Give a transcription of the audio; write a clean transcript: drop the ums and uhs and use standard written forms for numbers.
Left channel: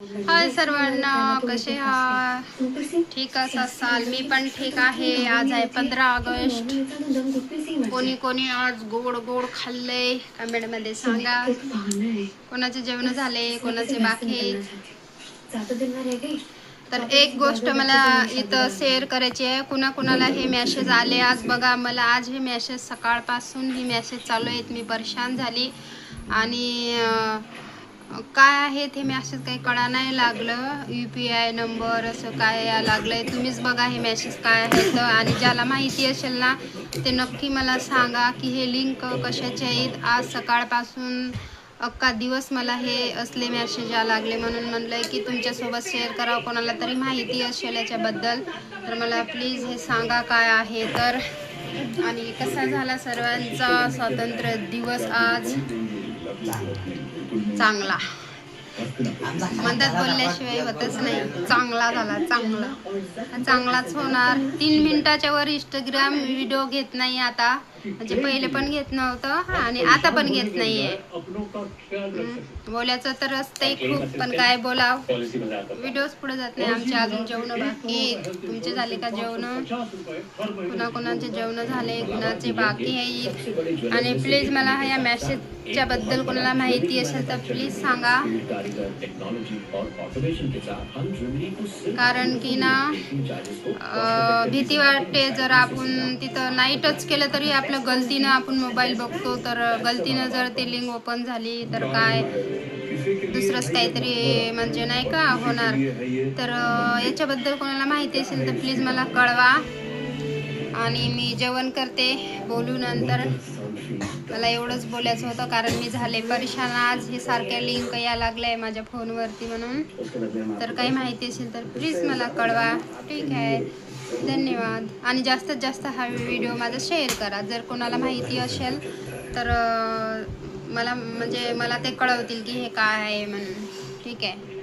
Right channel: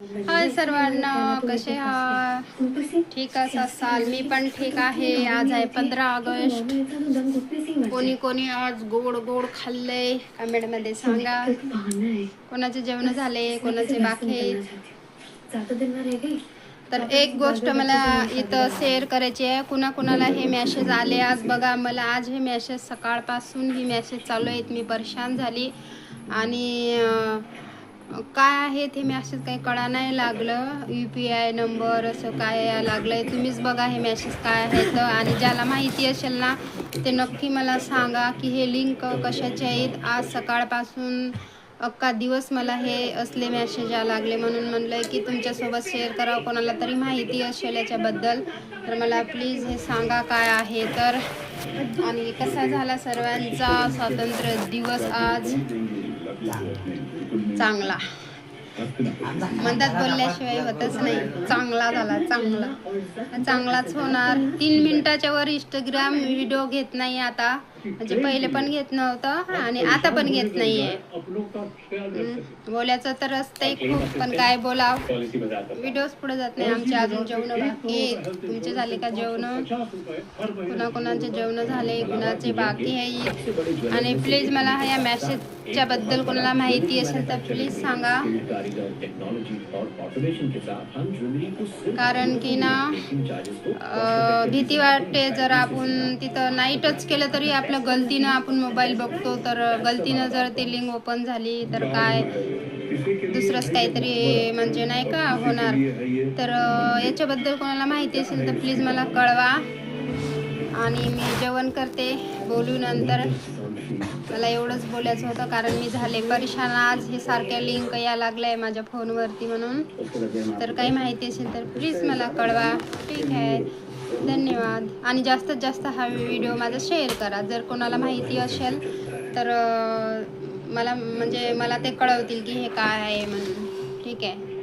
हाय सर्वांना, कसे आहात? ठीक असाल? मी पण ठीक आहे. आज आहे 15 ऑगस्ट. कोणी कोणी आज गोड गोड खाल्लंय कमेंटमध्ये सांगा. कोणाचे जेवण झाले, कोणाचे बाकी. तर एक गोष्ट मला इथं शेअर करायची आहे. कुणाकुणाला हे मेसेज आले आज बघा. मला आज हे मेसेज सकाळपासून ही मेसेज चालू आहेत. मी परेशान झाली आणि काय आहे ते मेसेज काही कळा नाही लागलं. UPI नंबर असं काय लागलंय, तुम्हीच बघा हे मेसेज काय आहेत. आणि ज्याला माहिती असेल ना ते नक्की मला सांगा की हे लिंक कशाचे आहेत. आज सकाळपासून अख्खा दिवस मला हे असले मेसेज लागले, म्हणून म्हणलंय की तुमच्यासोबत शेअर करावं. कोणाला तरी माहिती असेल याच्याबद्दल तर मला प्लीज हे सांगा काय आहे तर. आणि कसा झाला सर्वांचा स्वातंत्र्य दिवस आज? चांगला मदत बोलल्याशिवाय होतच नाही. चांगला झाला, चांगलाच होणार. 3 मिनिटाच्या वर इंस्टाग्राम व्हिडिओ घेत नाही आता, म्हणजे पहिले पण घेत नव्हतं आणि आता पण घेत नाहीये. बोलायचं तर असतंय खूप, पण काय बोलाव, व्हिडिओज पुढे जात नाही. आमचे अजून जेवण बाकी. तुमचे झाले का जेवण? कुणाकुणाचे जेवण झाले, कुणाचे बाकी आहे. आणि प्लीज मला या मेसेजच्या बद्दल कोणाला माहिती असेल तर प्लीज सांगा. कारण की ना भीती वाटते. जर आपण तिथं नाही टच केलं तरी आपल्या गलतीनं आपण मोबाईल बघतो, तर गलतीनं जर ते लिंक ओपन झाली तर काय दुसरंच काहीतरी म्हणजे नाही का होणार. तर याच्याबद्दल कोणाला माहिती असेल तर प्लीज मला कळवा. आणि मी जेवण करते, बोलू नंतर. मला एवढंच बोलायचं होतं कारण मी झाले परेशान. आज हे सारख्या लिंक या लागल्या माझ्या फोनवरती, म्हणून तर काही माहिती असेल तर प्लीज मला कळवा. ठीक आहे, धन्यवाद. आणि जास्तीत जास्त हा व्हिडिओ माझा शेअर करा. जर कोणाला माहिती असेल तर मला ते कळवतील की हे काय आहे म्हणून. ठीक आहे.